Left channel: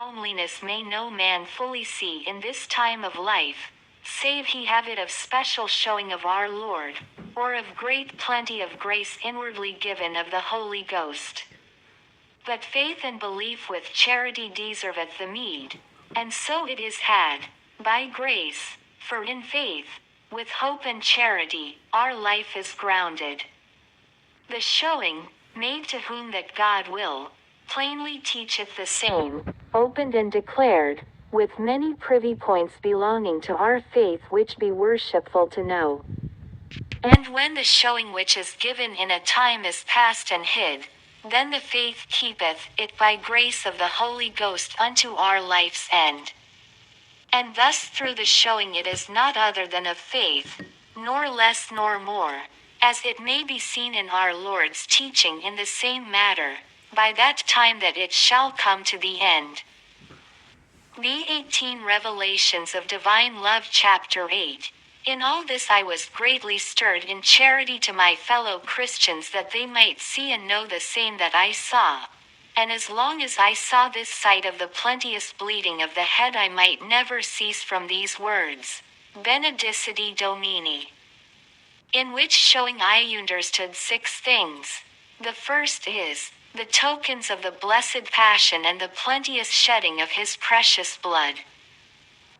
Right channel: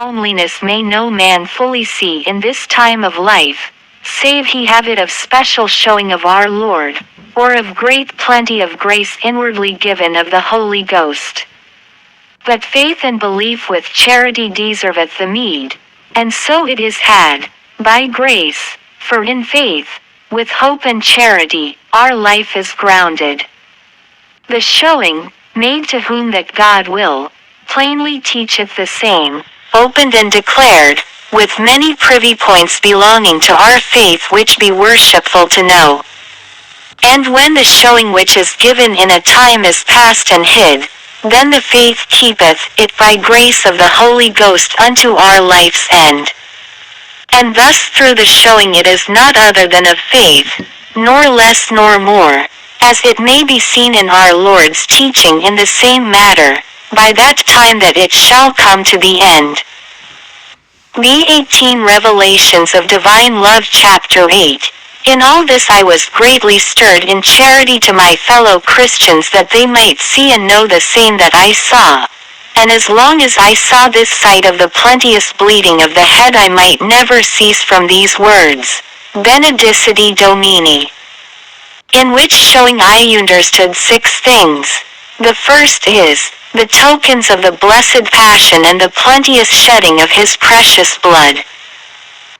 Loneliness may no man fully see in this time of life, save he have it of special showing of our Lord, or of great plenty of grace inwardly given of the Holy Ghost. But faith and belief with charity deserveth the meed, and so it is had, by grace, for in faith, with hope and charity, our life is grounded. The showing, made to whom that God will, plainly teacheth the same, opened and declared, with many privy points belonging to our faith which be worshipful to know. And when the showing which is given in a time is past and hid, then the faith keepeth it by grace of the Holy Ghost unto our life's end. And thus through the showing it is not other than of faith, nor less nor more, as it may be seen in our Lord's teaching in the same matter, by that time that it shall come to the end. The 18 Revelations of Divine Love Chapter 8. In all this I was greatly stirred in charity to my fellow Christians that they might see and know the same that I saw. And as long as I saw this sight of the plenteous bleeding of the head I might never cease from these words, Benedicite Domini. In which showing I understood 6 things. The first is, the tokens of the blessed passion and the plenteous shedding of his precious blood.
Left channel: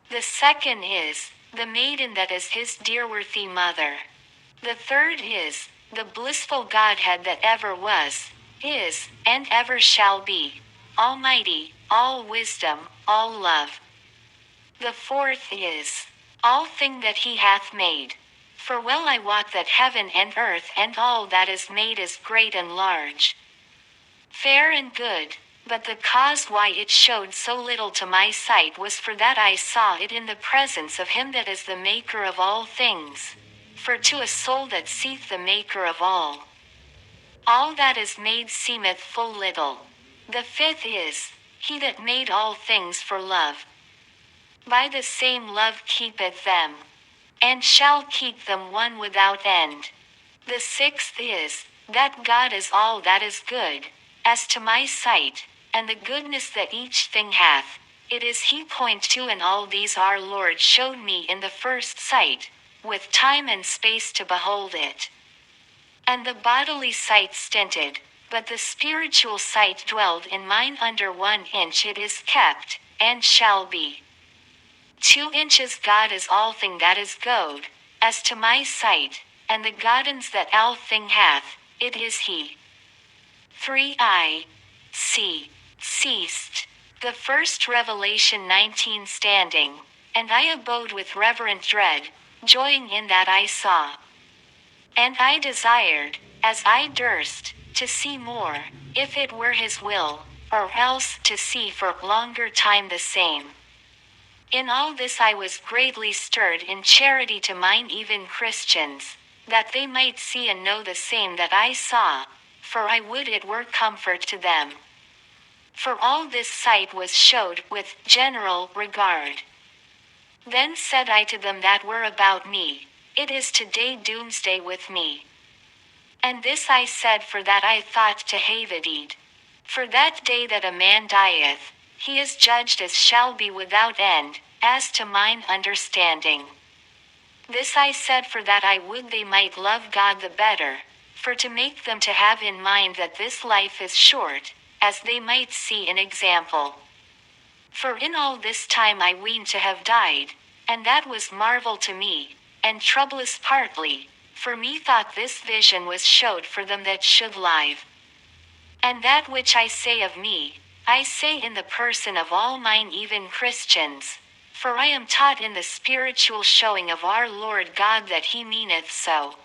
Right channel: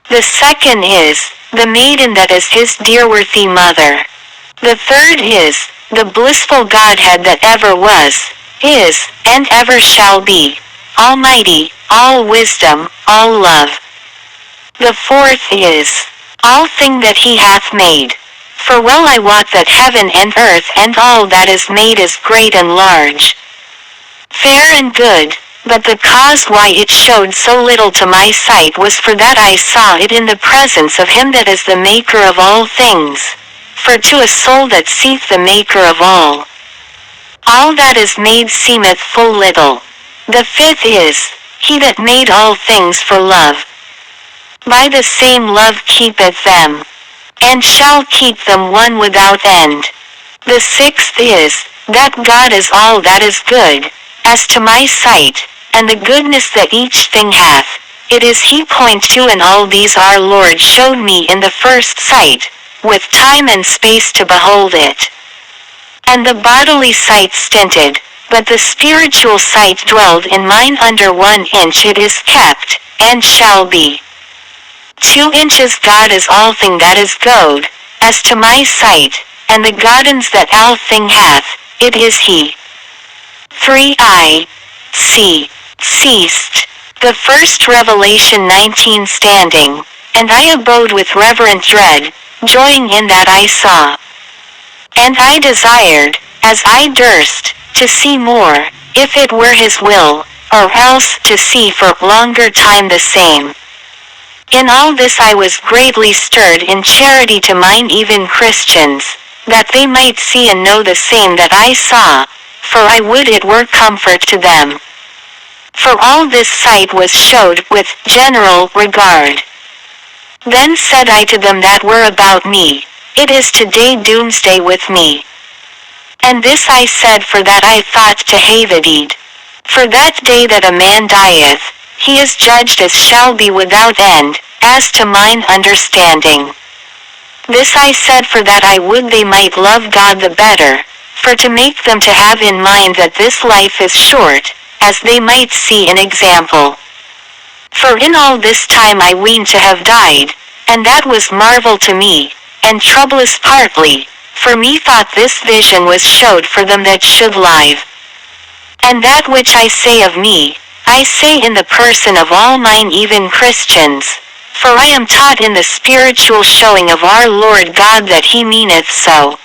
The second is, the maiden that is his dear-worthy mother. The third is, the blissful Godhead that ever was, is, and ever shall be, Almighty, all wisdom, all love. The fourth is, all thing that he hath made. For well I wot that heaven and earth and all that is made is great and large, fair and good, but the cause why it showed so little to my sight was for that I saw it in the presence of him that is the maker of all things. For to a soul that seeth the maker of all that is made seemeth full little. The fifth is, he that made all things for love. By the same love keepeth them, and shall keep them one without end. The sixth is, that God is all that is good, as to my sight, and the goodness that each thing hath, it is he point to, and all these our Lord showed me in the first sight, with time and space to behold it. And the bodily sight stinted, but the spiritual sight dwelled in mine under 1 inch it is kept, and shall be. 2 inches God is all thing that is good, as to my sight, and the goddens that all thing hath, it is he. 3 I ceased. The first Revelation 19 standing, and I abode with reverent dread, joying in that I saw. And I desired, as I durst, to see more, if it were his will, or else to see for longer time the same. In all this I was greatly stirred in charity to mine even Christians, that they might see and know the same that I saw, for I would it were comfort to them. For all this sight was showed with general regard. Then said I to them that were about me, it is today doomsday with me. And this I said for that I thought to have it. For that day that a man dieth, he is judged as shall be without end, as to mine understanding. This I said for that I would they might love God the better, for to make them to have in mind that this life is short, as they might see an example. For in all this time I weened to have died, and that was marvel to me, and troublous partly, for methought this vision was showed for them that should live. And that which I say of me, I say in the person of all mine even Christians, for I am taught in the spiritual showing of our Lord God that he meaneth so.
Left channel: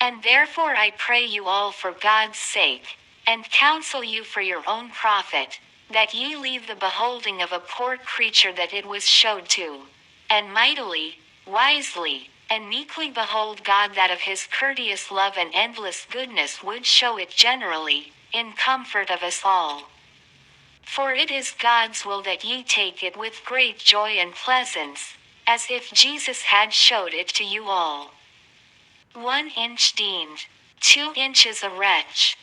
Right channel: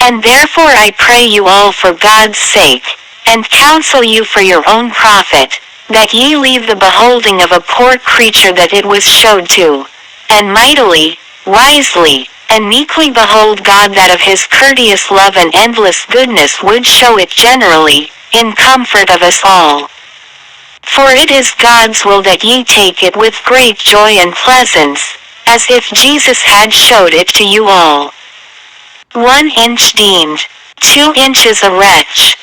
And therefore I pray you all for God's sake, and counsel you for your own profit, that ye leave the beholding of a poor creature that it was showed to, and mightily, wisely, and meekly behold God that of his courteous love and endless goodness would show it generally, in comfort of us all. For it is God's will that ye take it with great joy and pleasance, as if Jesus had showed it to you all. 1 inch deemed, 2 inches a wretch.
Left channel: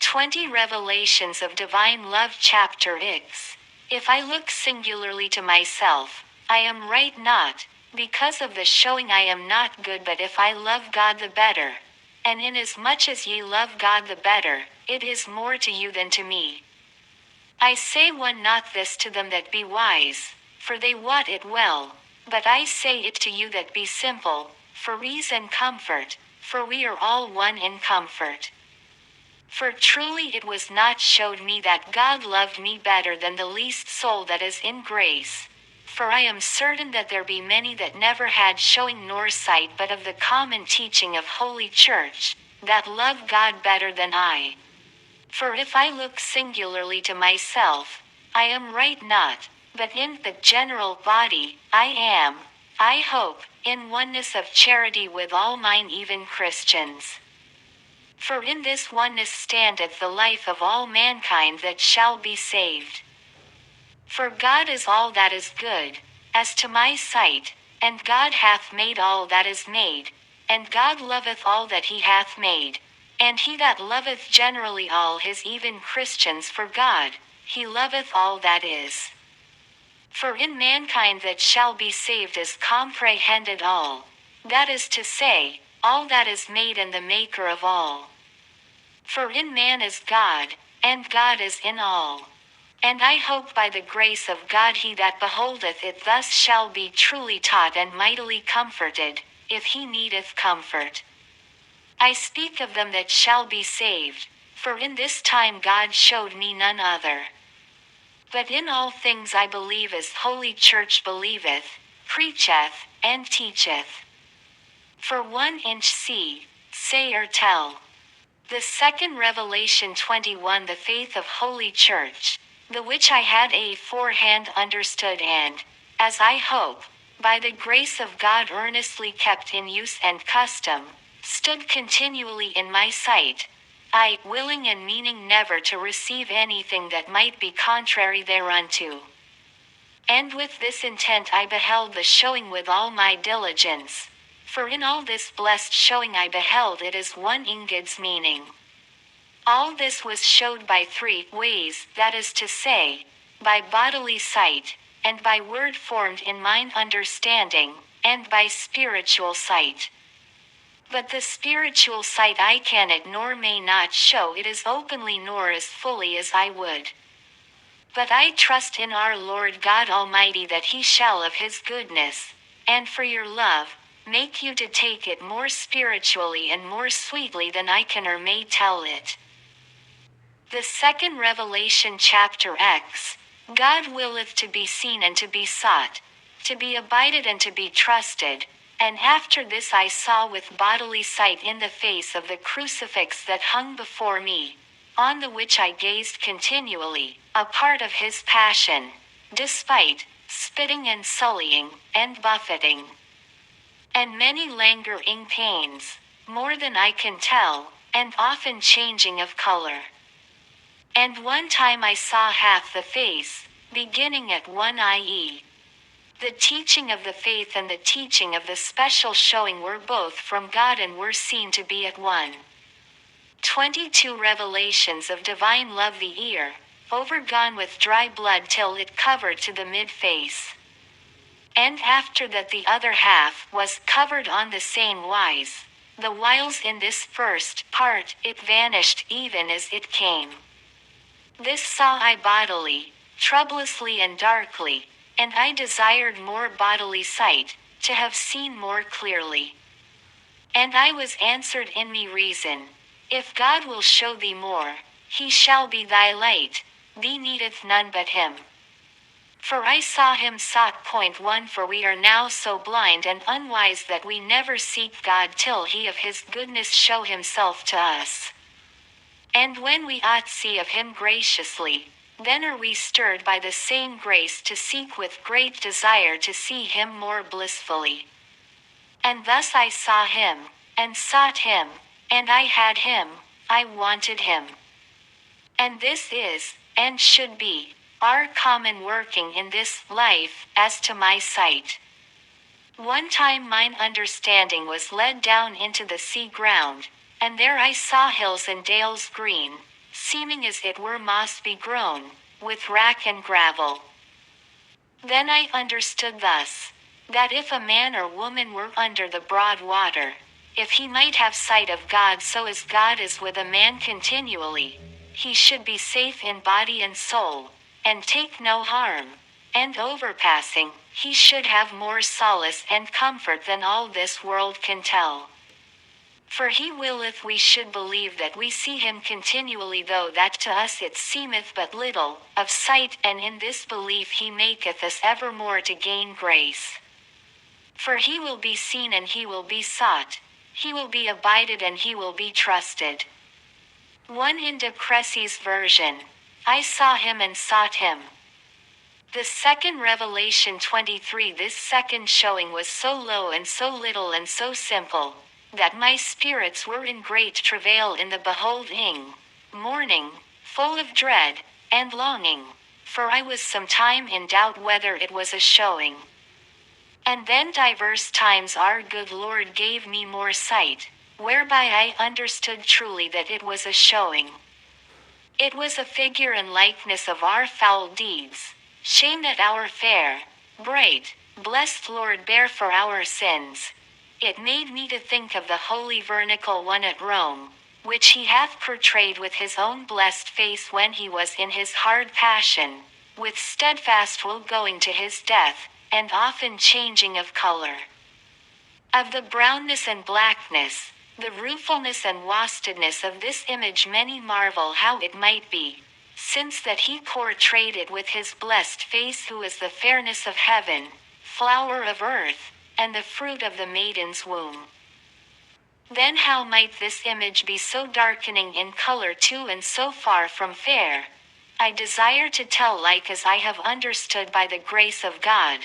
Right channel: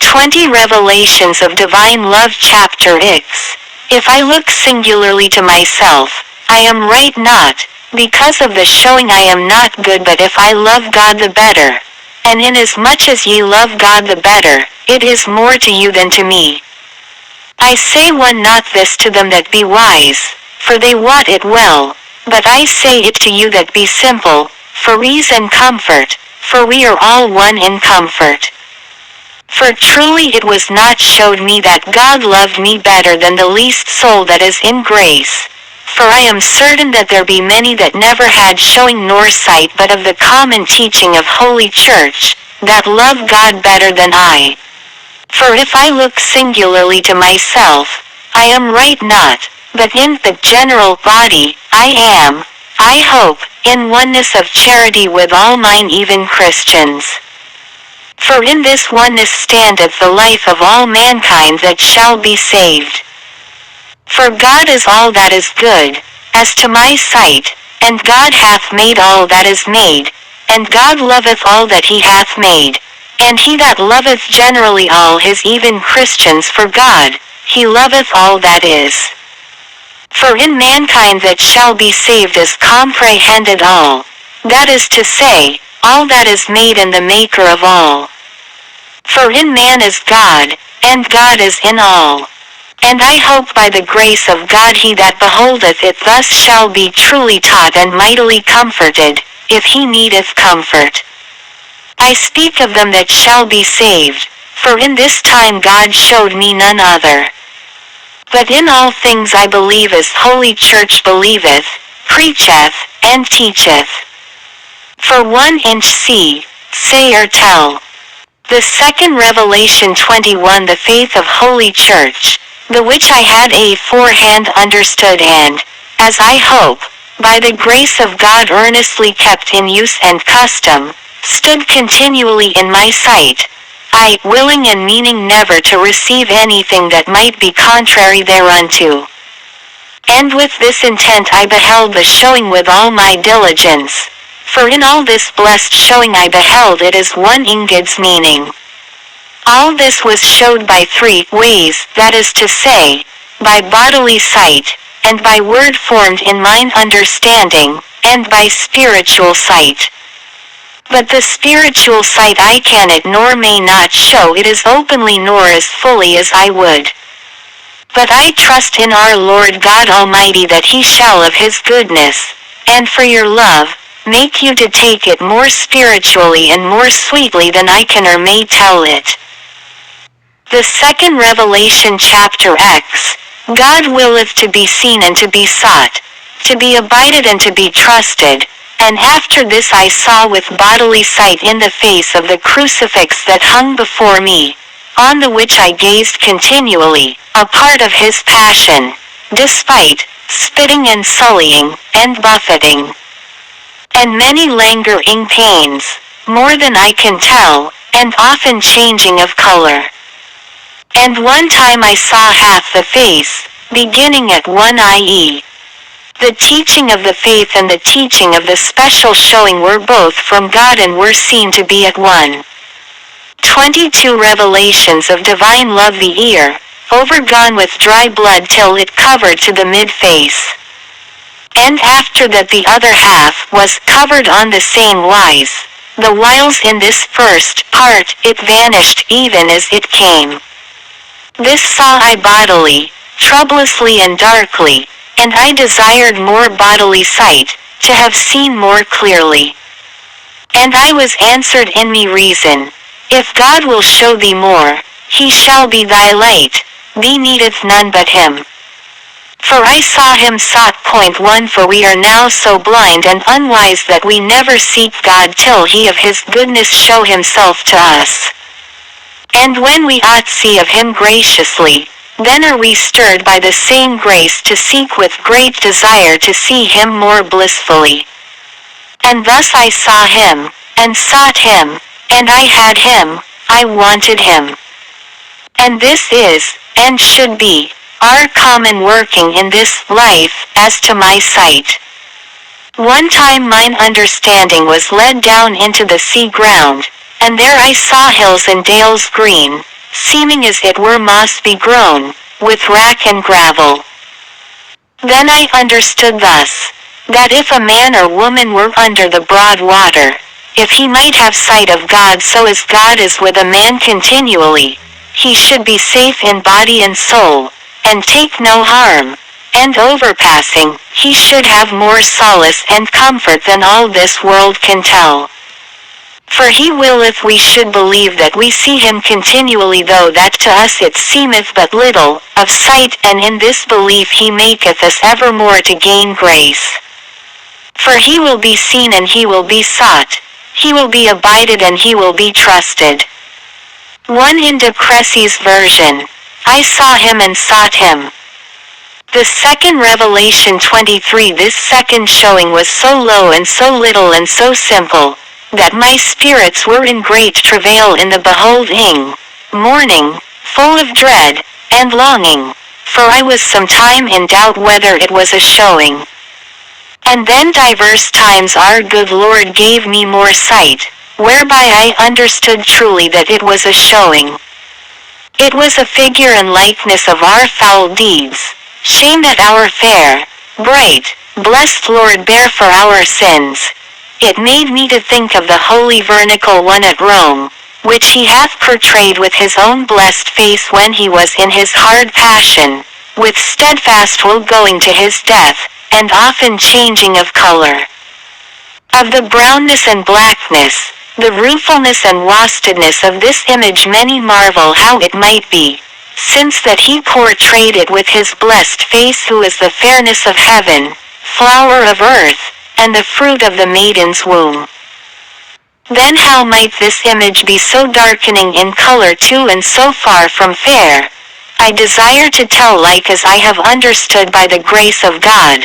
20 Revelations of Divine Love Chapter X. If I look singularly to myself, I am right not, because of the showing I am not good, but if I love God the better. And inasmuch as ye love God the better, it is more to you than to me. I say one not this to them that be wise, for they wot it well, but I say it to you that be simple, for ease and comfort, for we are all one in comfort. For truly it was not showed me that God loved me better than the least soul that is in grace. For I am certain that there be many that never had showing nor sight but of the common teaching of Holy Church, that love God better than I. For if I look singularly to myself, I am right not, but in the general body, I am, I hope, in oneness of charity with all mine even Christians. For in this oneness standeth the life of all mankind that shall be saved. For God is all that is good, as to my sight, and God hath made all that is made, and God loveth all that he hath made, and he that loveth generally all his even Christians for God, he loveth all that is. For in mankind that shall be saved is comprehended all, that is to say, all that is made and the maker of all. For in man is God, and God is in all. And I hope by the grace of God he that beholdeth it thus shall be truly taught and mightily comforted, if he needeth comfort. I speak of them that shall be saved, for in this time God showed me none other. But in all things I believe as Holy Church believeth, preacheth, and teacheth. For 1 inch say or tell. The second Revelation 21 the faith of Holy Church, the which I had aforehand understood and, as I hope, by the grace of God earnestly kept in use and custom, stood continually in my sight, I willing and meaning never to receive anything that might be contrary thereunto. And with this intent I beheld the showing with all my diligence, for in all this blessed showing I beheld it as one in God's meaning. All this was showed by 3 ways, that is to say, by bodily sight, and by word formed in mine understanding, and by spiritual sight. But the spiritual sight I cannot nor may not show it as openly nor as fully as I would. But I trust in our Lord God Almighty that he shall of his goodness, and for your love, make you to take it more spiritually and more sweetly than I can or may tell it. The second Revelation chapter X, God willeth to be seen and to be sought, to be abided and to be trusted, and after this I saw with bodily sight in the face of the crucifix that hung before me, on the which I gazed continually, a part of his passion, despite, spitting and sullying, and buffeting, and many languoring pains, more than I can tell, and often changing of color. And one time I saw half the face, beginning at 1 i.e. The teaching of the faith and the teaching of the special showing were both from God and were seen to be at one. 22 revelations of divine love the ear, overgone with dry blood till it covered to the mid-face. And after that the other half was covered on the same wise, the whiles in this first part it vanished even as it came. This saw I bodily, troublously and darkly, and I desired more bodily sight, to have seen more clearly. And I was answered in me reason, if God will show thee more, he shall be thy light, thee needeth none but him. For I saw him sought. 1 For we are now so blind and unwise that we never seek God till he of his goodness show himself to us. And when we ought see of him graciously, then are we stirred by the same grace to seek with great desire to see him more blissfully. And thus I saw him, and sought him, and I had him, I wanted him. And this is, and should be, our common working in this life, as to my sight. One time mine understanding was led down into the sea ground, and there I saw hills and dales green, seeming as it were moss begrown, with wrack and gravel. Then I understood thus, that if a man or woman were under the broad water, if he might have sight of God so as God is with a man continually, he should be safe in body and soul, and take no harm, and overpassing, he should have more solace and comfort than all this world can tell. For he willeth we should believe that we see him continually, though that to us it seemeth but little, of sight, and in this belief he maketh us evermore to gain grace. For he will be seen and he will be sought, he will be abided and he will be trusted. 1 in De Cressy's version, I saw him and sought him. The second Revelation 23. This second showing was so low and so little and so simple, that my spirits were in great travail in the beholding, mourning, full of dread, and longing, for I was some time in doubt whether it was a showing. And then divers times our good Lord gave me more sight, whereby I understood truly that it was a showing. It was a figure and likeness of our foul deeds, shame that our fair, bright, blessed Lord bare for our sins. It made me to think of the holy vernical one at Rome, which he hath portrayed with his own blessed face when he was in his hard passion, with steadfast will going to his death, and often changing of color. Of the brownness and blackness, the ruefulness and wastedness of this image many marvel how it might be, since that he portrayed it with his blessed face who is the fairness of heaven, flower of earth, and the fruit of the maiden's womb. Then how might this image be so darkening in color too and so far from fair? I desire to tell like as I have understood by the grace of God.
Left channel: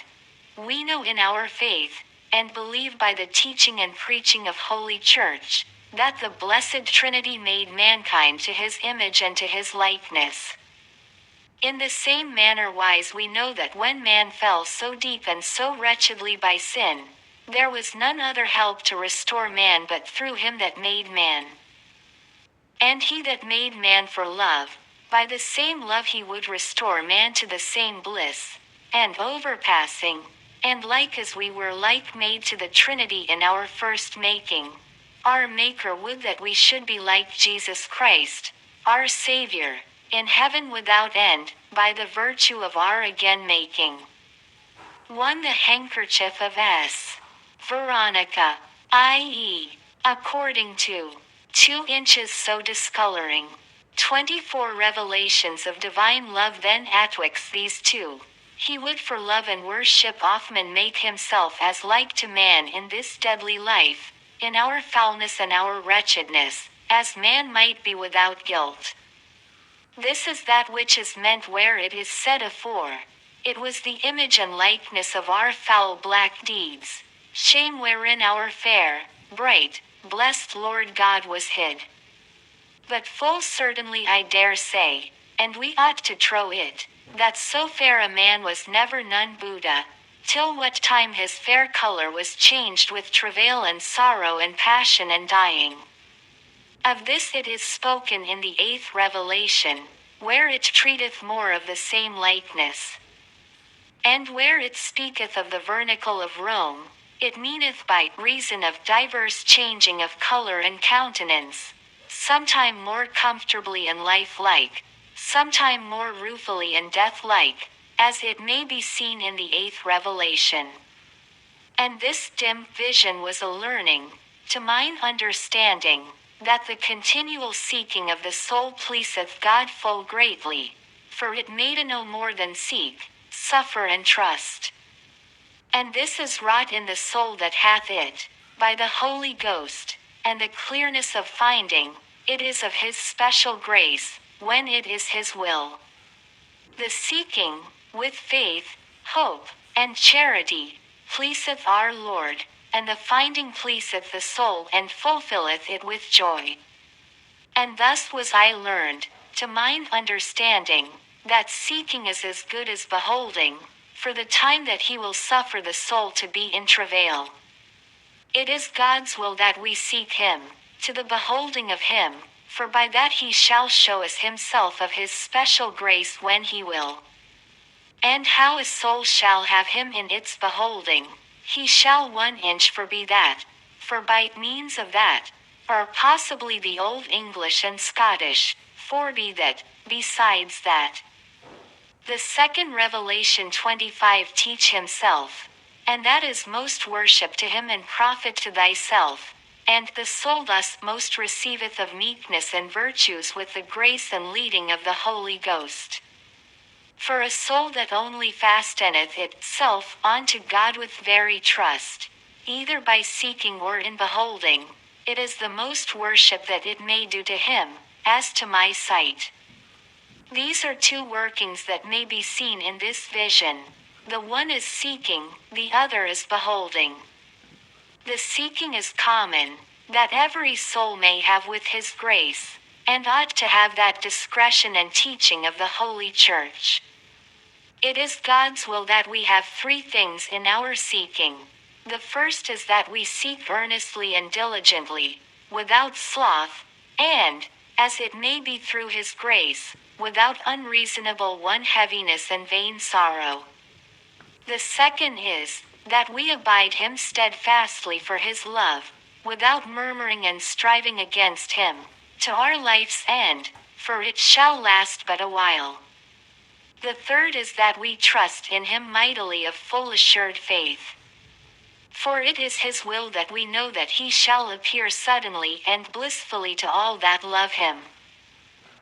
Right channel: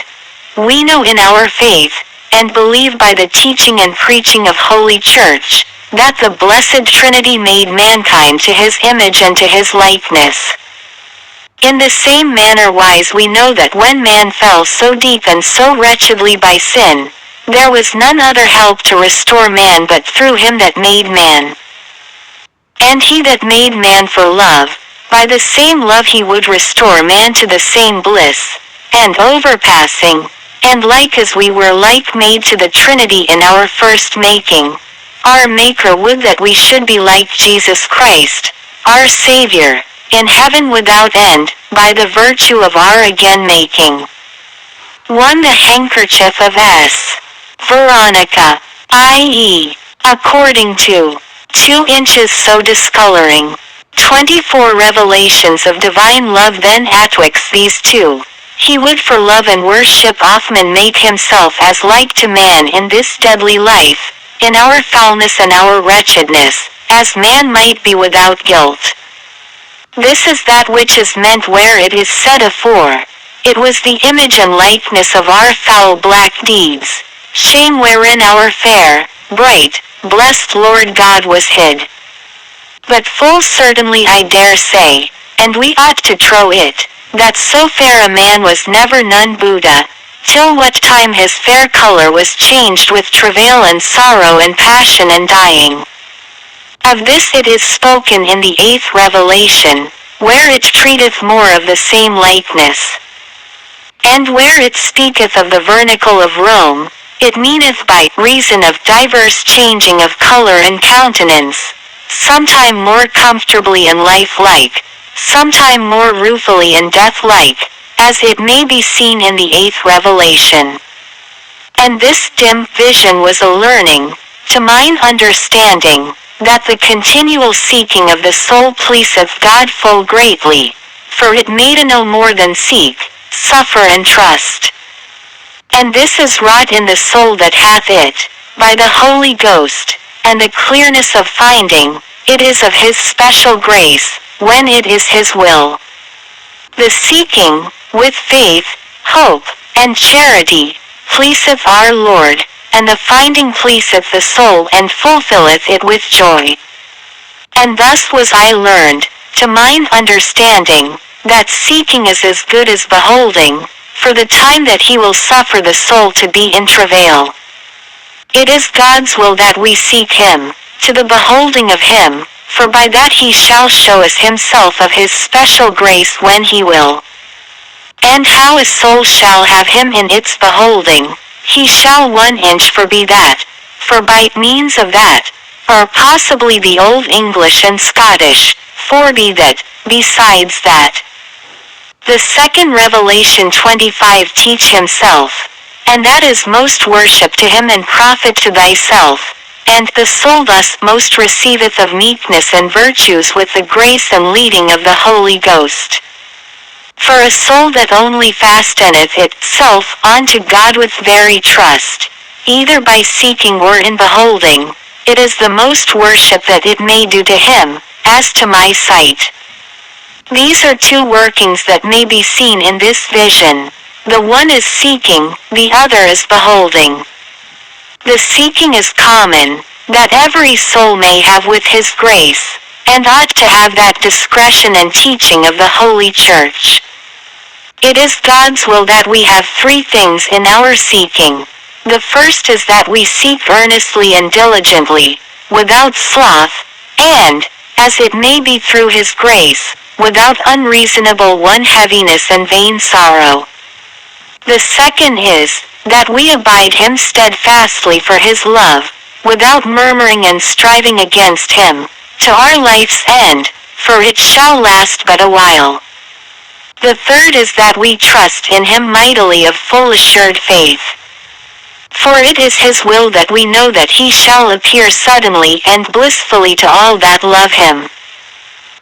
We know in our faith, and believe by the teaching and preaching of Holy Church, that the Blessed Trinity made mankind to his image and to his likeness. In the same manner wise we know that when man fell so deep and so wretchedly by sin, there was none other help to restore man but through him that made man. And he that made man for love, by the same love he would restore man to the same bliss, and overpassing, and like as we were like made to the Trinity in our first making, our Maker would that we should be like Jesus Christ, our Savior, in heaven without end, by the virtue of our again making. 1 The handkerchief of S. Veronica, i.e., according to 2 inches so discoloring. 24 revelations of divine love then atwixt these two. He would for love and worship often make himself as like to man in this deadly life, in our foulness and our wretchedness, as man might be without guilt. This is that which is meant where it is said afore, it was the image and likeness of our foul black deeds, shame wherein our fair, bright, blessed Lord God was hid. But full certainly I dare say, and we ought to trow it, that so fair a man was never none Buddha, till what time his fair color was changed with travail and sorrow and passion and dying. Of this it is spoken in the 8th Revelation, where it treateth more of the same likeness. And where it speaketh of the vernicle of Rome, it meaneth by reason of diverse changing of color and countenance, sometime more comfortably and lifelike, sometime more ruefully and death-like, as it may be seen in the 8th Revelation. And this dim vision was a learning, to mine understanding, that the continual seeking of the soul pleaseth God full greatly, for it may to no more than seek, suffer and trust. And this is wrought in the soul that hath it, by the Holy Ghost, and the clearness of finding, it is of his special grace, when it is his will. The seeking, with faith, hope, and charity, pleaseth our Lord, and the finding pleaseth the soul and fulfilleth it with joy. And thus was I learned, to mine understanding, that seeking is as good as beholding, for the time that he will suffer the soul to be in travail. It is God's will that we seek him, to the beholding of him, for by that he shall show us himself of his special grace when he will. And how a soul shall have him in its beholding, he shall 1 inch for be that, for by means of that, or possibly the Old English and Scottish, for be that, besides that. The second Revelation 25 teach himself, and that is most worship to him and profit to thyself, and the soul thus most receiveth of meekness and virtues with the grace and leading of the Holy Ghost. For a soul that only fasteneth itself unto God with very trust, either by seeking or in beholding, it is the most worship that it may do to him, as to my sight. These are two workings that may be seen in this vision. The one is seeking, the other is beholding. The seeking is common, that every soul may have with his grace, and ought to have that discretion and teaching of the Holy Church. It is God's will that we have 3 things in our seeking. The first is that we seek earnestly and diligently, without sloth, and, as it may be through his grace, without unreasonable heaviness and vain sorrow. The second is, that we abide him steadfastly for his love, without murmuring and striving against him, to our life's end, for it shall last but a while. The third is that we trust in him mightily of full assured faith. For it is his will that we know that he shall appear suddenly and blissfully to all that love him.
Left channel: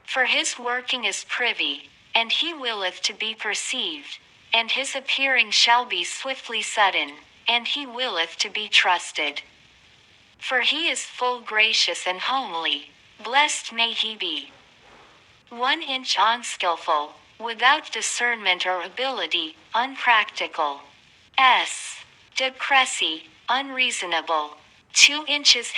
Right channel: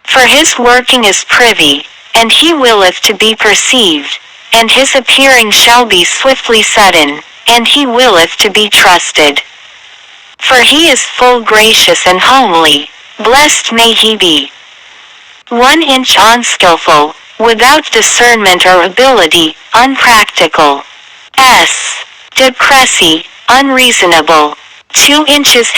For his working is privy, and he willeth to be perceived, and his appearing shall be swiftly sudden, and he willeth to be trusted. For he is full gracious and homely, blessed may he be. 1 inch unskillful, without discernment or ability, unpractical. Depressy, unreasonable. 2 inches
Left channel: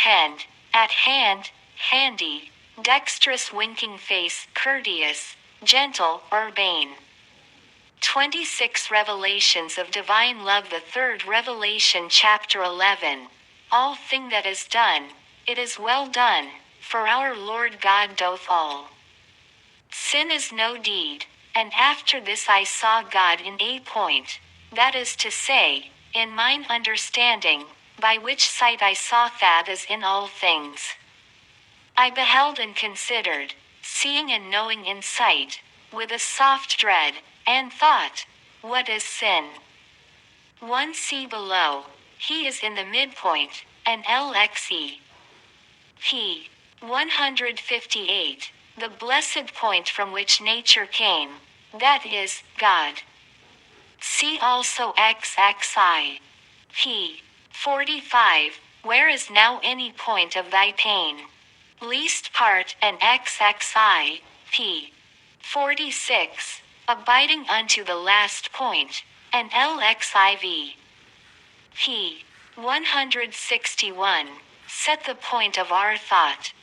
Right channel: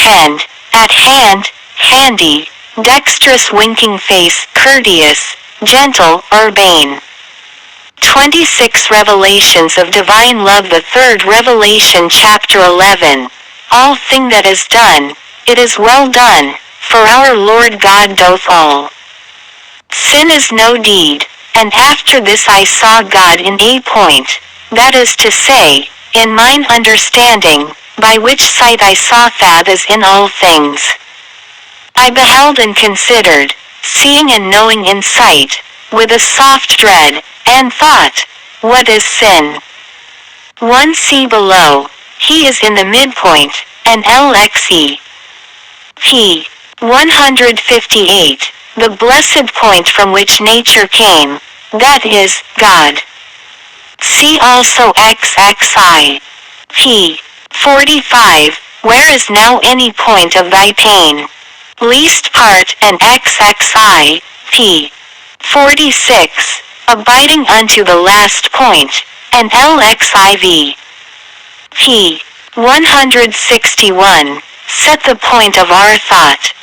at hand, handy, dexterous winking face, courteous, gentle, urbane. 26 Revelations of Divine Love. The third Revelation chapter 11. All thing that is done, it is well done, for our Lord God doth all. Sin is no deed, and after this I saw God in a point, that is to say, in mine understanding, by which sight I saw that as in all things. I beheld and considered, seeing and knowing in sight, with a soft dread, and thought, what is sin? 1 See below, he is in the midpoint, and LXE. P. 158, the blessed point from which nature came, that is, God. See also XXI. P. 45, where is now any point of thy pain? Least part and XXI. P. 46, abiding unto the last point, and LXIV. P. 161, set the point of our thought.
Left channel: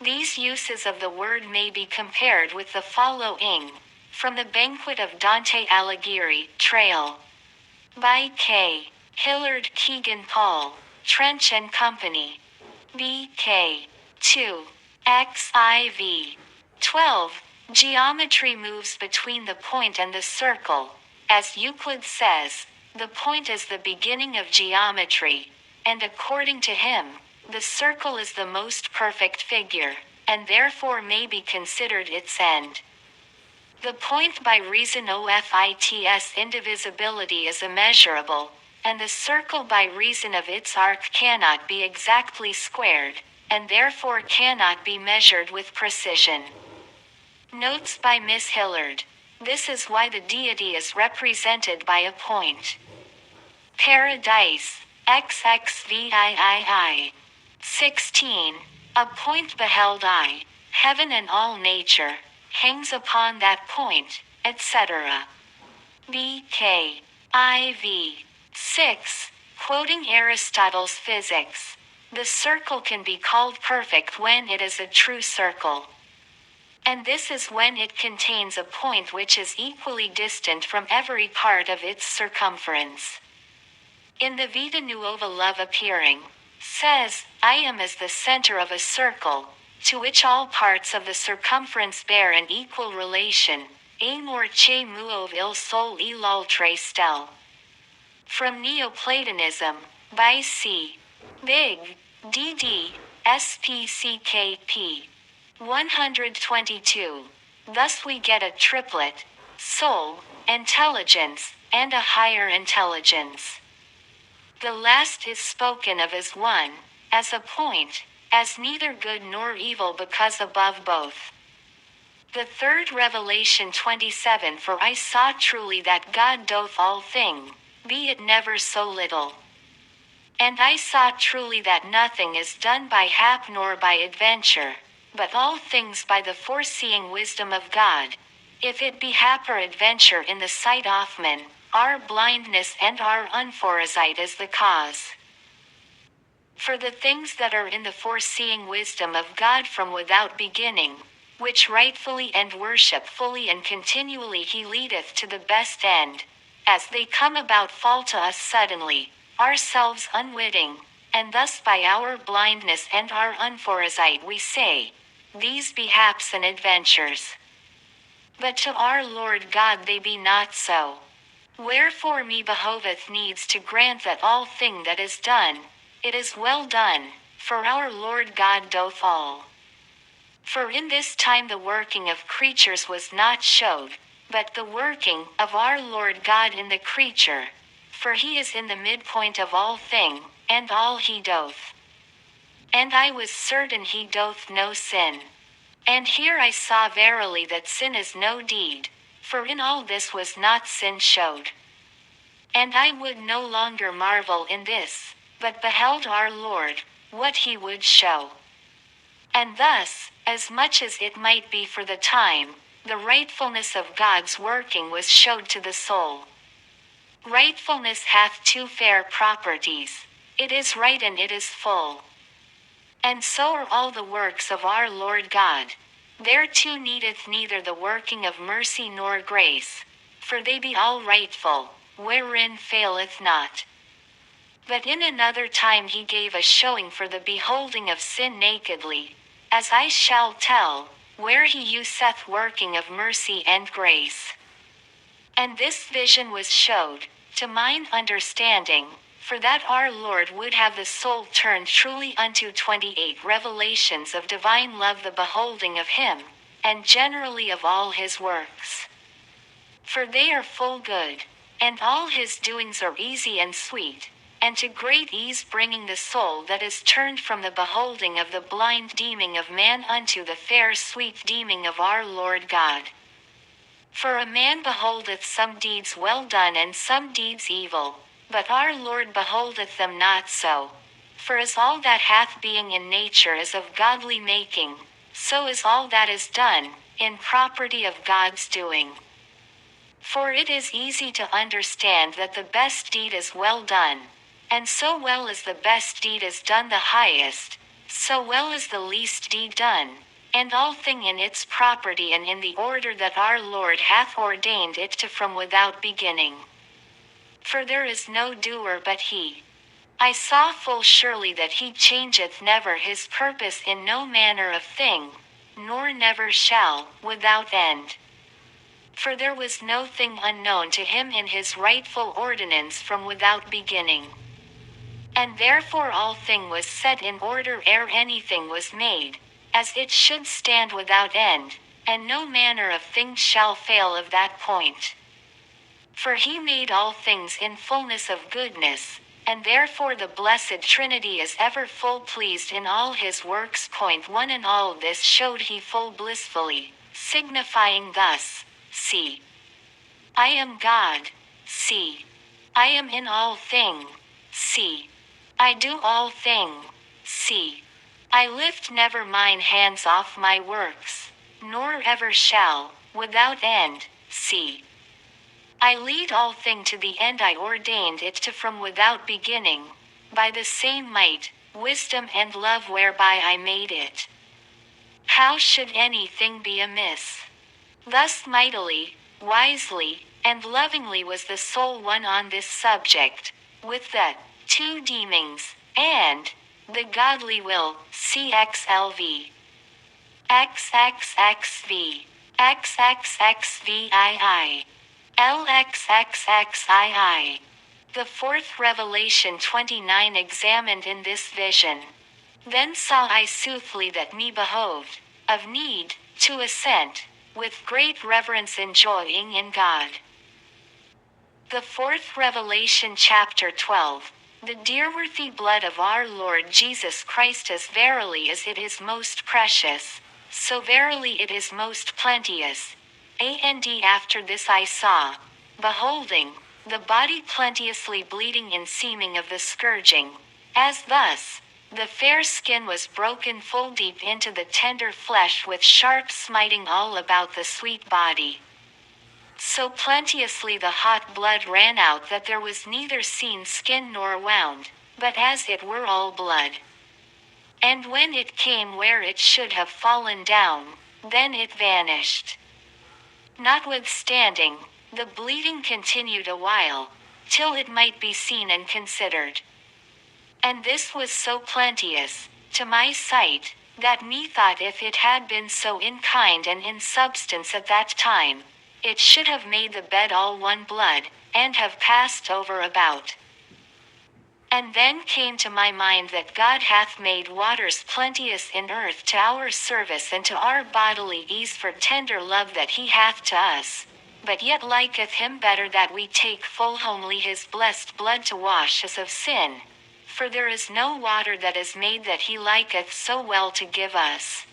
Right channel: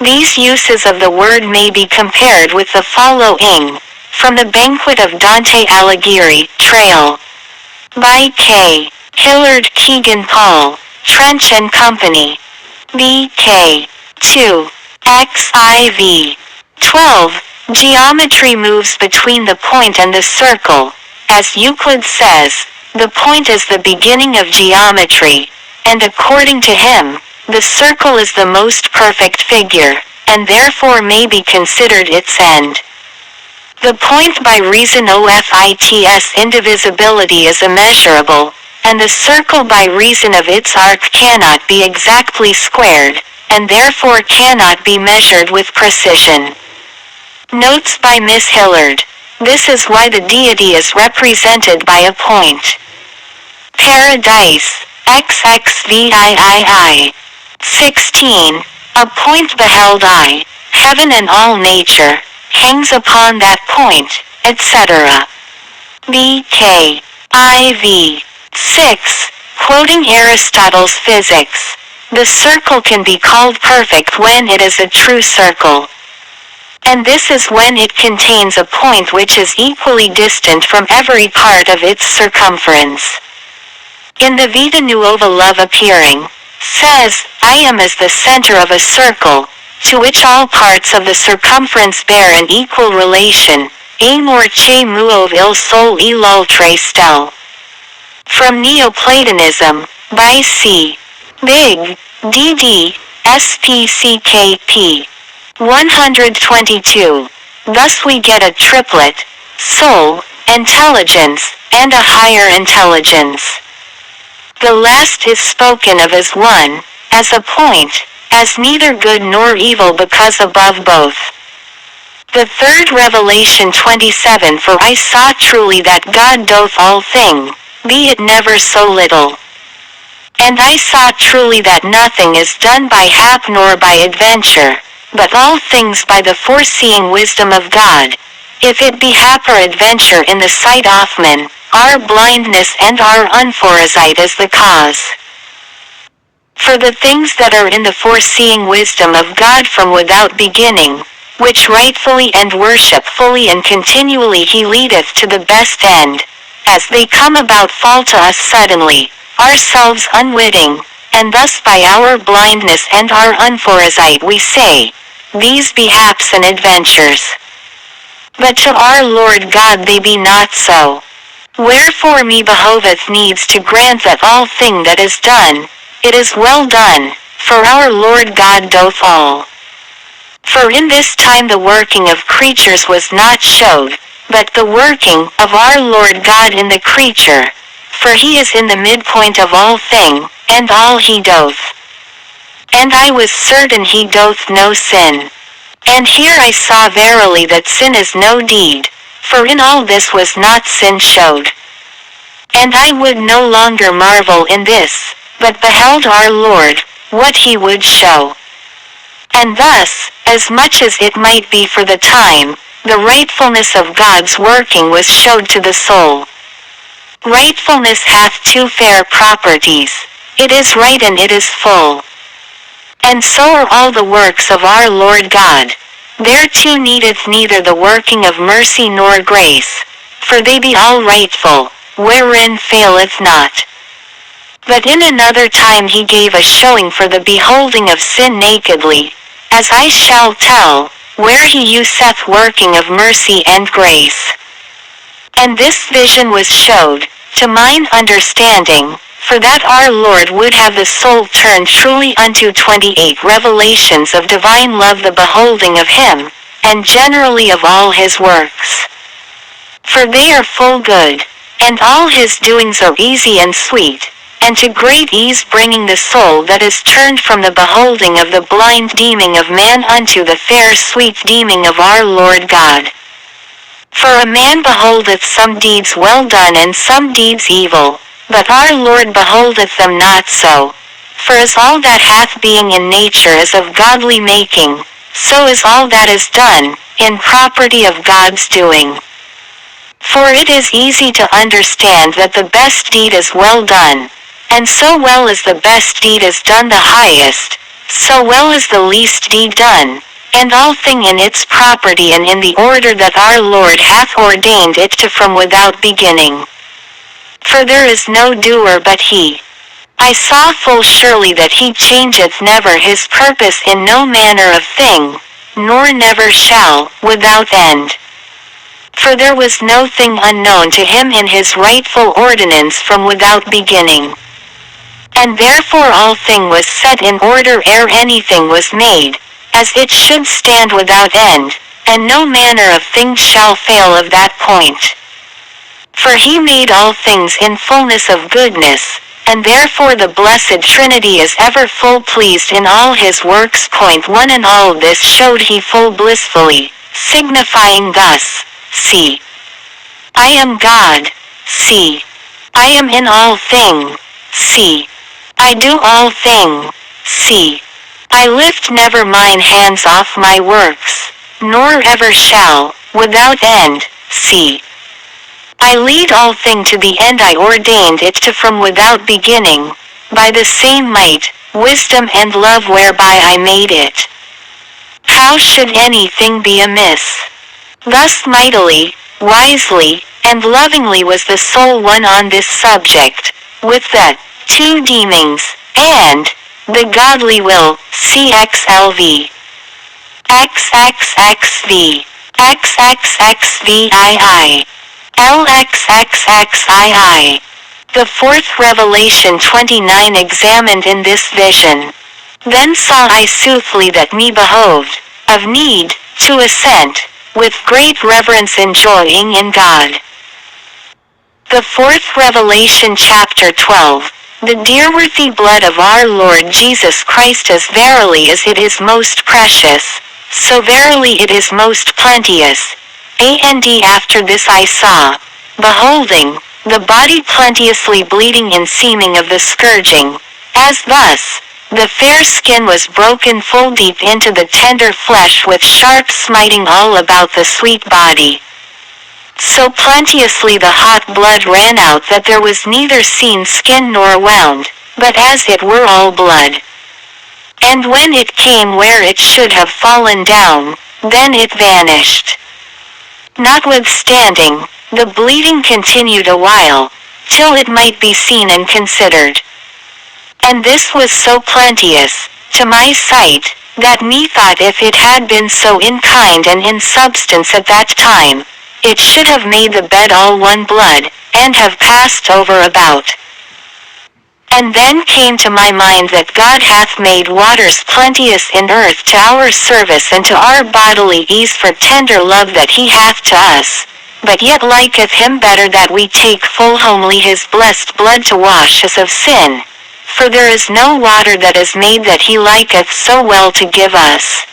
These uses of the word may be compared with the following, from the Banquet of Dante Alighieri, Trail. By K. Hillard Keegan Paul, Trench and Company. B.K. 2. XIV. 12. Geometry moves between the point and the circle. As Euclid says, the point is the beginning of geometry, and according to him, the circle is the most perfect figure, and therefore may be considered its end. The point by reason of its indivisibility is immeasurable, and the circle by reason of its arc cannot be exactly squared, and therefore cannot be measured with precision. Notes by Miss Hillard. This is why the deity is represented by a point. Paradise, XXVIII. 16. A point beheld I, heaven and all nature, hangs upon that point, etc. B.K. IV. 6. Quoting Aristotle's Physics. The circle can be called perfect when it is a true circle. And this is when it contains a point which is equally distant from every part of its circumference. In the Vita Nuova Love Appearing, says, I am as the center of a circle, to which all parts of the circumference bear an equal relation, Amor che muove il sol e l'altre stelle. From Neoplatonism, by C. Big, D.D., SPCKP. 122. Thus we get a triplet: soul, intelligence, and a higher intelligence. The last is spoken of as one, as a point, as neither good nor evil because above both. The third Revelation 27. For I saw truly that God doth all thing, be it never so little. And I saw truly that nothing is done by hap nor by adventure, but all things by the foreseeing wisdom of God. If it be hap or adventure in the sight of men, our blindness and our unforesight is the cause. For the things that are in the foreseeing wisdom of God from without beginning, which rightfully and worshipfully and continually he leadeth to the best end, as they come about fall to us suddenly, ourselves unwitting, and thus by our blindness and our unforesight we say, these be haps and adventures. But to our Lord God they be not so. Wherefore me behoveth needs to grant that all thing that is done, it is well done, for our Lord God doth all. For in this time the working of creatures was not showed, but the working of our Lord God in the creature. For he is in the midpoint of all thing, and all he doth. And I was certain he doth no sin. And here I saw verily that sin is no deed, for in all this was not sin showed. And I would no longer marvel in this, but beheld our Lord, what he would show. And thus, as much as it might be for the time, the rightfulness of God's working was showed to the soul. Rightfulness hath two fair properties: it is right and it is full. And so are all the works of our Lord God. Thereto needeth neither the working of mercy nor grace, for they be all rightful, wherein faileth not. But in another time he gave a showing for the beholding of sin nakedly, as I shall tell, where he useth working of mercy and grace. And this vision was showed, to mine understanding, for that our Lord would have the soul turn truly unto 28 revelations of divine love, the beholding of him, and generally of all his works. For they are full good, and all his doings are easy and sweet, and to great ease bringing the soul that is turned from the beholding of the blind deeming of man unto the fair sweet deeming of our Lord God. For a man beholdeth some deeds well done and some deeds evil, but our Lord beholdeth them not so. For as all that hath being in nature is of godly making, so is all that is done, in property of God's doing. For it is easy to understand that the best deed is well done, and so well as the best deed is done the highest, so well is the least deed done, and all thing in its property and in the order that our Lord hath ordained it to from without beginning. For there is no doer but he. I saw full surely that he changeth never his purpose in no manner of thing, nor never shall, without end. For there was no thing unknown to him in his rightful ordinance from without beginning. And therefore all thing was set in order ere anything was made, as it should stand without end, and no manner of thing shall fail of that point. For he made all things in fullness of goodness, and therefore the blessed Trinity is ever full pleased in all his works. 1 And all this showed he full blissfully, signifying thus, see, I am God, see, I am in all thing, see, I do all thing, see, I lift never mine hands off my works, nor ever shall, without end, see. I lead all thing to the end I ordained it to from without beginning, by the same might, wisdom and love whereby I made it. How should anything be amiss? Thus mightily, wisely, and lovingly was the soul one on this subject, with the two deemings, and the godly will, cxlv. XXXV. XXXVII. LXXXII. The fourth Revelation 29 examined in this vision. Then saw I soothly that me behoved, of need, to assent, with great reverence enjoying in God. The fourth Revelation chapter 12. The dear-worthy blood of our Lord Jesus Christ, as verily as it is most precious, so verily it is most plenteous. And after this I saw, beholding, the body plenteously bleeding in seeming of the scourging, as thus, the fair skin was broken full deep into the tender flesh with sharp smiting all about the sweet body. So plenteously the hot blood ran out that there was neither seen skin nor wound, but as it were all blood. And when it came where it should have fallen down, then it vanished. Notwithstanding, the bleeding continued a while, till it might be seen and considered. And this was so plenteous, to my sight, that methought if it had been so in kind and in substance at that time, it should have made the bed all one blood, and have passed over about. And then came to my mind that God hath made waters plenteous in earth to our service and to our bodily ease for tender love that he hath to us, but yet liketh him better that we take full homely his blessed blood to wash us of sin. For there is no water that is made that he liketh so well to give us.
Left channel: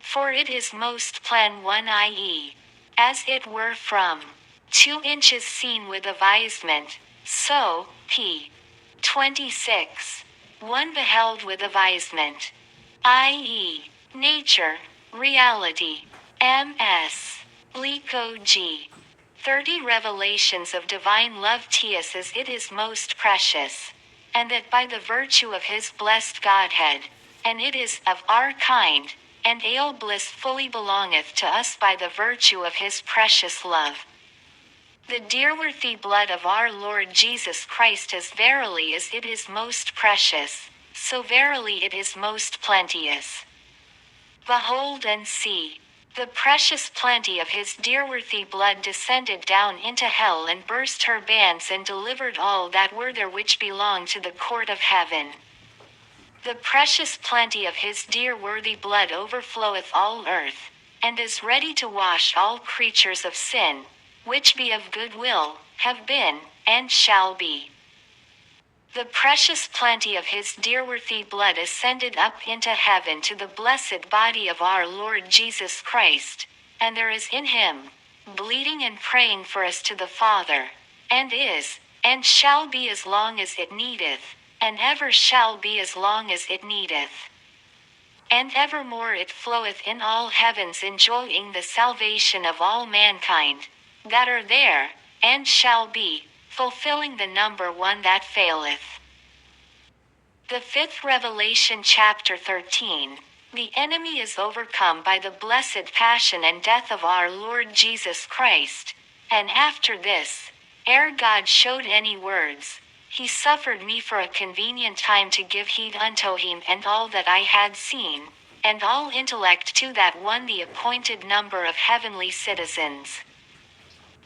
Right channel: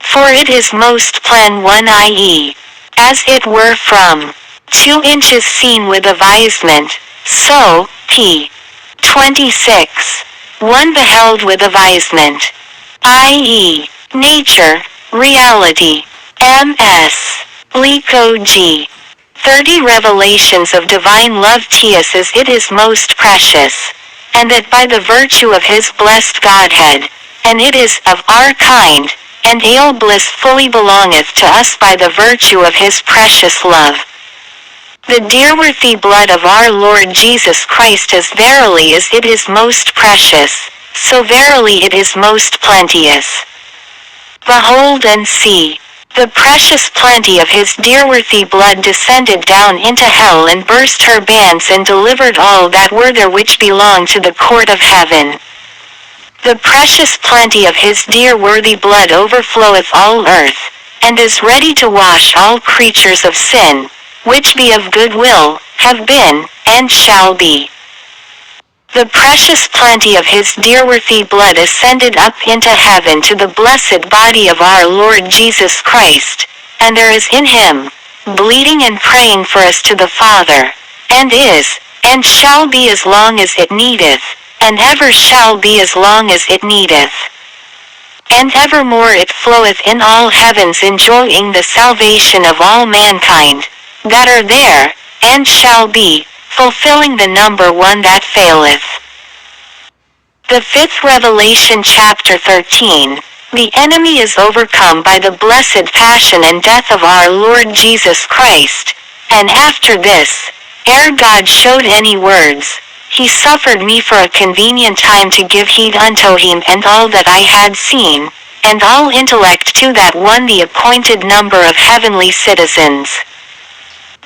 For it is most plain one, i.e., as it were from 2 inches seen with avisement, so, p. 26. One beheld with avisement, i.e., nature, reality, ms. Lico G. 30 Revelations of divine love ts as it is most precious, and that by the virtue of his blessed Godhead, and it is of our kind, and all bliss fully belongeth to us by the virtue of his precious love. The dear-worthy blood of our Lord Jesus Christ, as verily as it is most precious, so verily it is most plenteous. Behold and see, the precious plenty of his dear-worthy blood descended down into hell and burst her bands and delivered all that were there which belonged to the court of heaven. The precious plenty of his dear-worthy blood overfloweth all earth, and is ready to wash all creatures of sin, which be of good will, have been, and shall be. The precious plenty of his dear-worthy blood ascended up into heaven to the blessed body of our Lord Jesus Christ, and there is in him, bleeding and praying for us to the Father, and is, and shall be as long as it needeth, and ever shall be as long as it needeth. And evermore it floweth in all heavens, enjoying the salvation of all mankind, that are there, and shall be, fulfilling the number one that faileth. The fifth Revelation chapter 13. The enemy is overcome by the blessed passion and death of our Lord Jesus Christ, and after this, ere God showed any words, he suffered me for a convenient time to give heed unto him and all that I had seen, and all intellect to that one the appointed number of heavenly citizens.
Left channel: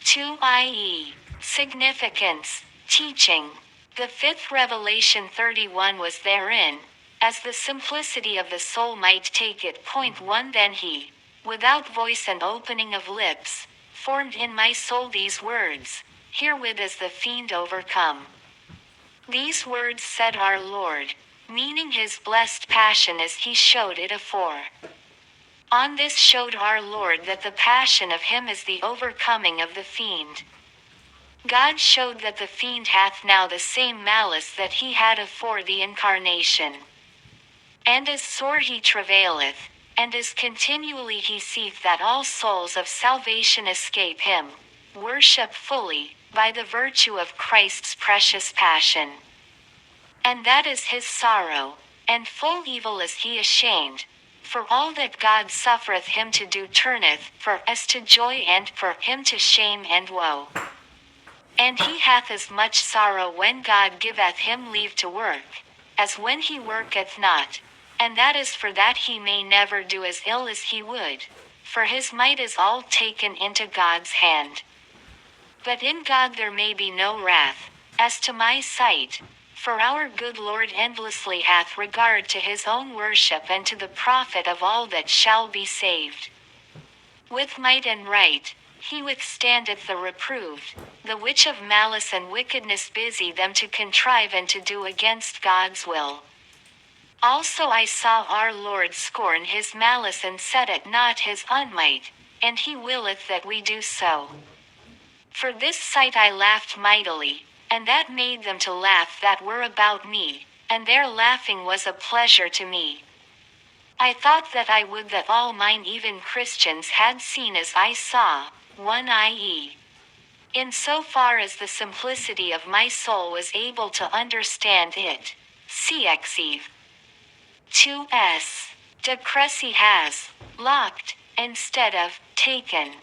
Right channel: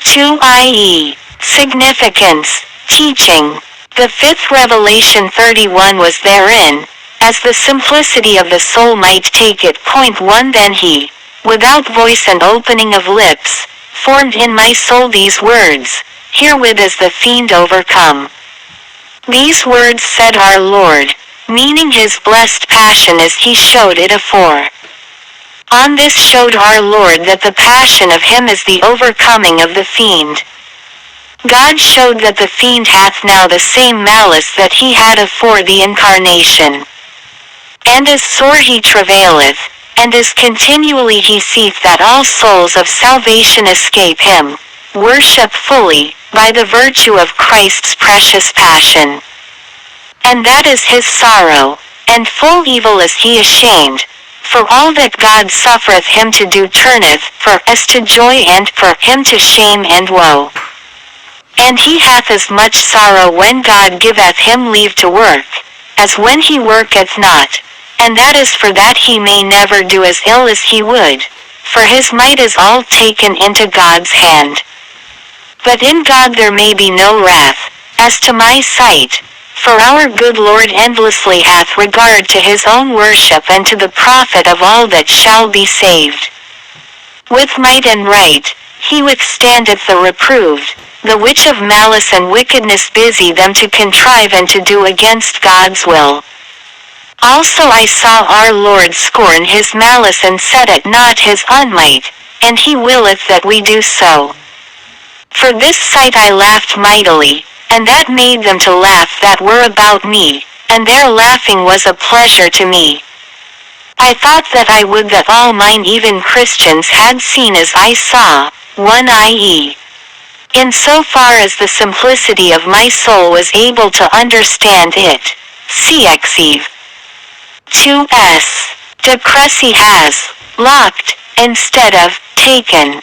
2 i.e. Significance, teaching. The fifth Revelation 31 was therein, as the simplicity of the soul might take it. 1 Then he, without voice and opening of lips, formed in my soul these words, herewith is the fiend overcome. These words said our Lord, meaning his blessed passion as he showed it afore. On this showed our Lord that the passion of him is the overcoming of the fiend. God showed that the fiend hath now the same malice that he had afore the incarnation. And as sore he travaileth, and as continually he seeth that all souls of salvation escape him, worship fully, by the virtue of Christ's precious passion. And that is his sorrow, and full evil is he ashamed, for all that God suffereth him to do turneth for us to joy and for him to shame and woe. And he hath as much sorrow when God giveth him leave to work, as when he worketh not, and that is for that he may never do as ill as he would. for his might is all taken into God's hand. But in God there may be no wrath, as to my sight. For our good Lord endlessly hath regard to his own worship and to the profit of all that shall be saved. With might and right, he withstandeth the reproved, the which of malice and wickedness busy them to contrive and to do against God's will. Also I saw our Lord scorn his malice and set at naught his unmight, and he willeth that we do so. For this sight I laughed mightily, and that made them to laugh that were about me, and their laughing was a pleasure to me. I thought that I would that all mine even Christians had seen as I saw, 1 i.e. in so far as the simplicity of my soul was able to understand it. Cxev. 2s. De Cressy has locked, instead of taken,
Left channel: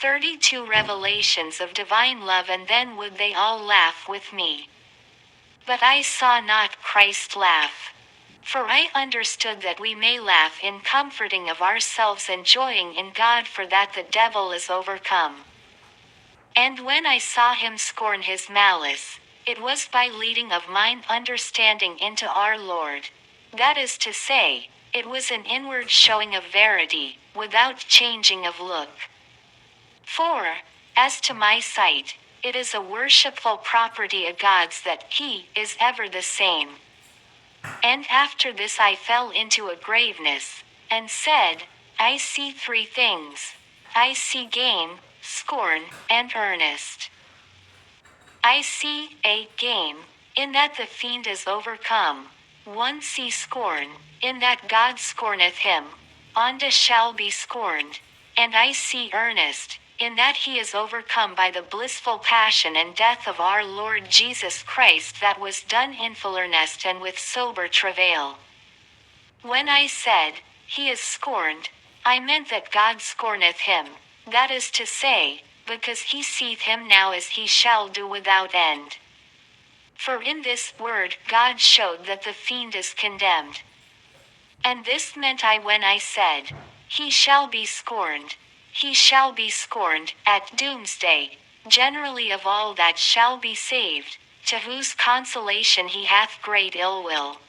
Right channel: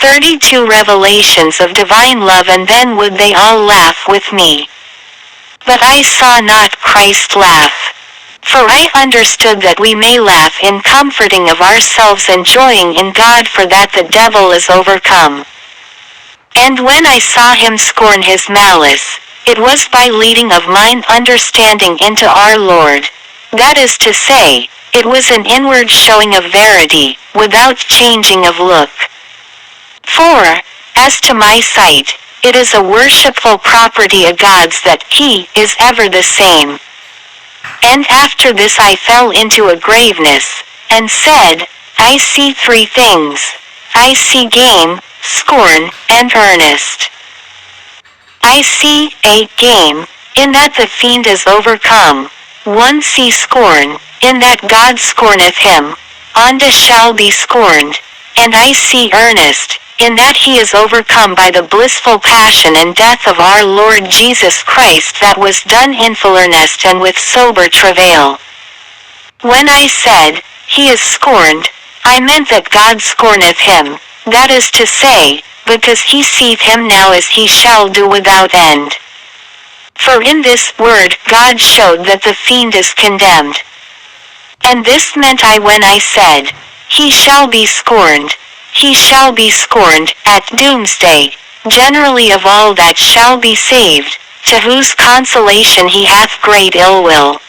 32 revelations of divine love, and then would they all laugh with me. But I saw not Christ laugh. For I understood that we may laugh in comforting of ourselves, enjoying in God, for that the devil is overcome. And when I saw him scorn his malice, it was by leading of mine understanding into our Lord. That is to say, it was an inward showing of verity, without changing of look. For, as to my sight, it is a worshipful property of God's that he is ever the same. And after this I fell into a graveness, and said, I see three things. I see game, scorn, and earnest. I see a game, in that the fiend is overcome. 1 see scorn, in that God scorneth him. Onda shall be scorned. And I see earnest, in that he is overcome by the blissful passion and death of our Lord Jesus Christ, that was done in full earnest and with sober travail. When I said, he is scorned, I meant that God scorneth him, that is to say, because he seeth him now as he shall do without end. For in this word God showed that the fiend is condemned. And this meant I when I said, he shall be scorned. He shall be scorned, at doomsday, generally of all that shall be saved, to whose consolation he hath great ill will.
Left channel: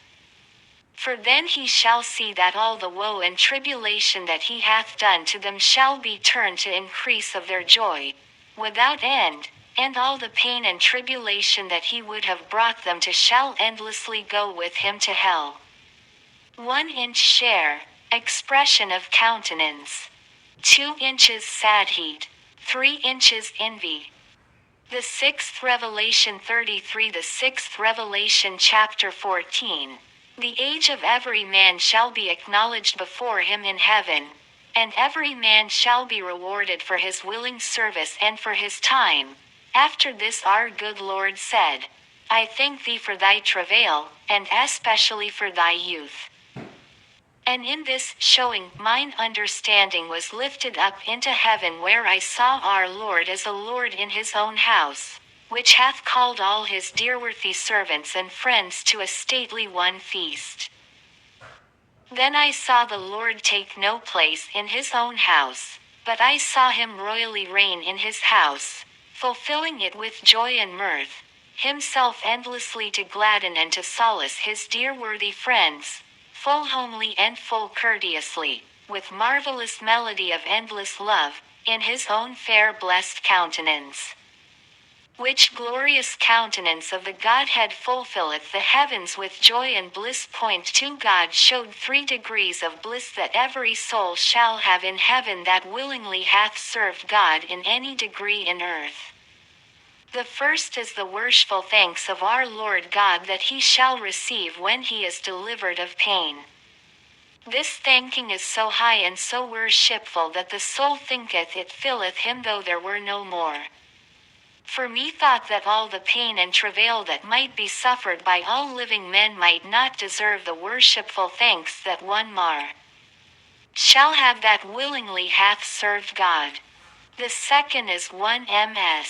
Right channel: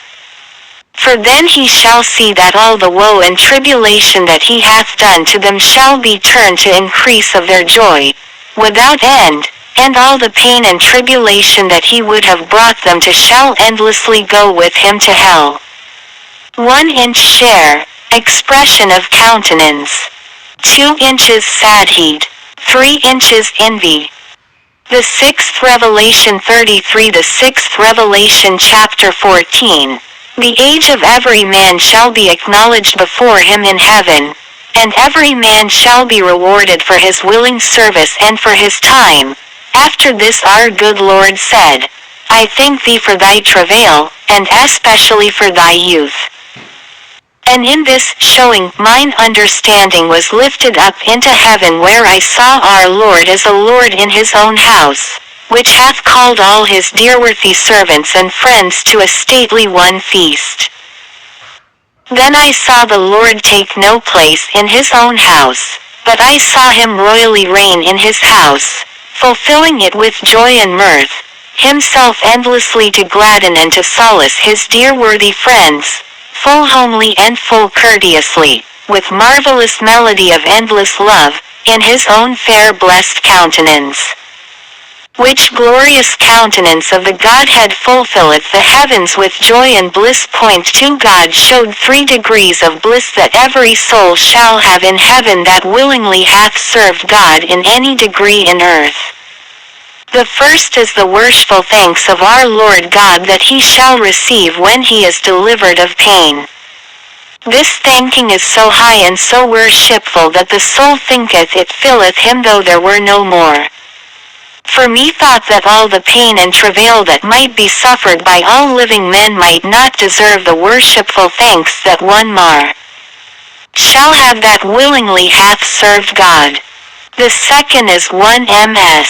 For then he shall see that all the woe and tribulation that he hath done to them shall be turned to increase of their joy, without end, and all the pain and tribulation that he would have brought them to shall endlessly go with him to hell. 1 inch share, expression of countenance. 2 inches sadheed. 3 inches envy. The sixth revelation 33. The sixth revelation chapter 14. The age of every man shall be acknowledged before him in heaven, and every man shall be rewarded for his willing service and for his time. After this our good Lord said, I thank thee for thy travail, and especially for thy youth. And in this showing mine understanding was lifted up into heaven, where I saw our Lord as a Lord in his own house, which hath called all his dear-worthy servants and friends to a stately one feast. Then I saw the Lord take no place in his own house, but I saw him royally reign in his house, fulfilling it with joy and mirth, himself endlessly to gladden and to solace his dear worthy friends, full homely and full courteously, with marvelous melody of endless love, in his own fair blessed countenance. Which glorious countenance of the Godhead fulfilleth the heavens with joy and bliss. Point 2 God showed 3 degrees of bliss that every soul shall have in heaven that willingly hath served God in any degree in earth. The first is the worshipful thanks of our Lord God that he shall receive when he is delivered of pain. This thanking is so high and so worshipful that the soul thinketh it filleth him though there were no more. For methought that all the pain and travail that might be suffered by all living men might not deserve the worshipful thanks that one mar shall have that willingly hath served God. The second is 1 ms.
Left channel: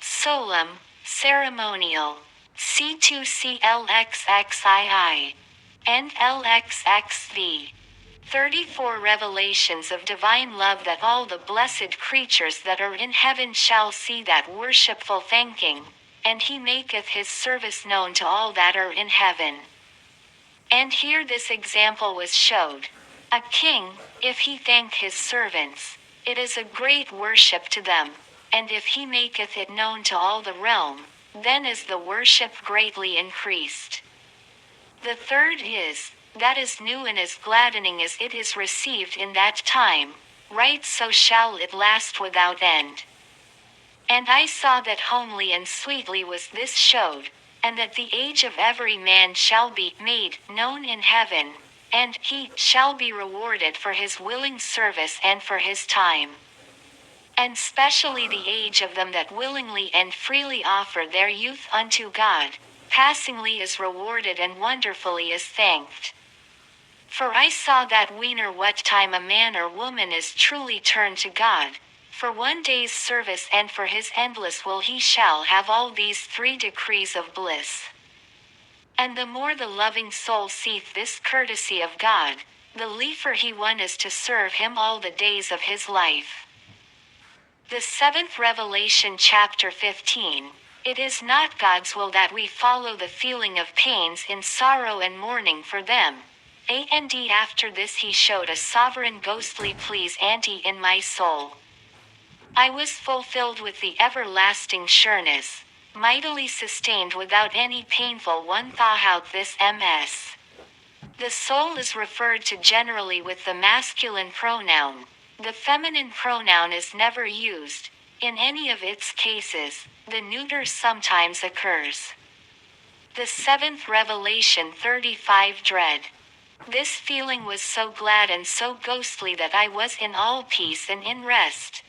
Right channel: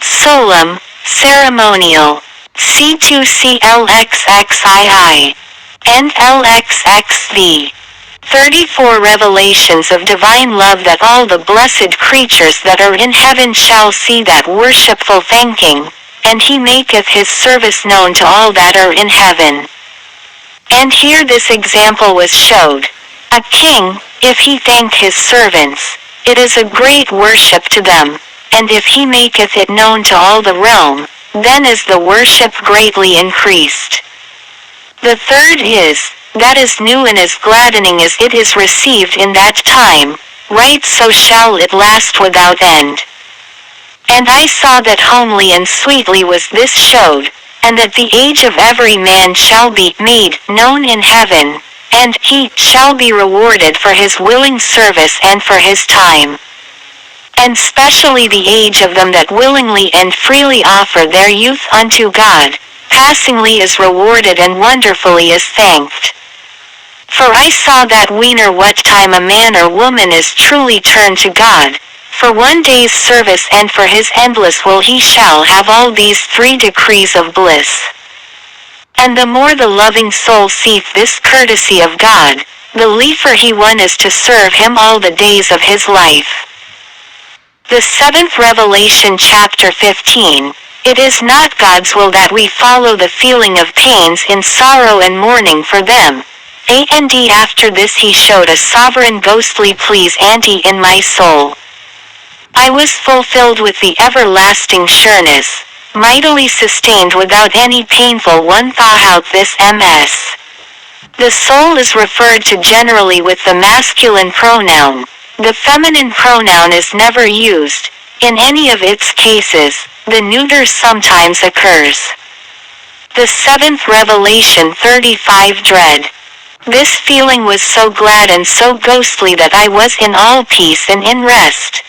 Solemn, ceremonial. C2 CLXXII. And LXXV. 34 Revelations of divine love that all the blessed creatures that are in heaven shall see that worshipful thanking, and he maketh his service known to all that are in heaven. And here this example was showed. A king, if he thank his servants, it is a great worship to them, and if he maketh it known to all the realm, then is the worship greatly increased. The third is, that is new and as gladdening as it is received in that time, right so shall it last without end. And I saw that homely and sweetly was this showed, and that the age of every man shall be made known in heaven, and he shall be rewarded for his willing service and for his time. And specially the age of them that willingly and freely offer their youth unto God, passingly is rewarded and wonderfully is thanked. For I saw that weener what time a man or woman is truly turned to God, for one day's service and for his endless will he shall have all these 3 decrees of bliss. And the more the loving soul seeth this courtesy of God, the liefer he one is to serve him all the days of his life. The 7th Revelation chapter 15. It is not God's will that we follow the feeling of pains in sorrow and mourning for them. And after this he showed a sovereign ghostly please in my soul. I was fulfilled with the everlasting sureness, mightily sustained without any painful one thought out this ms. The soul is referred to generally with the masculine pronoun. The feminine pronoun is never used. In any of its cases, the neuter sometimes occurs. The 7th Revelation 35 Dread. This feeling was so glad and so ghostly that I was in all peace and in rest.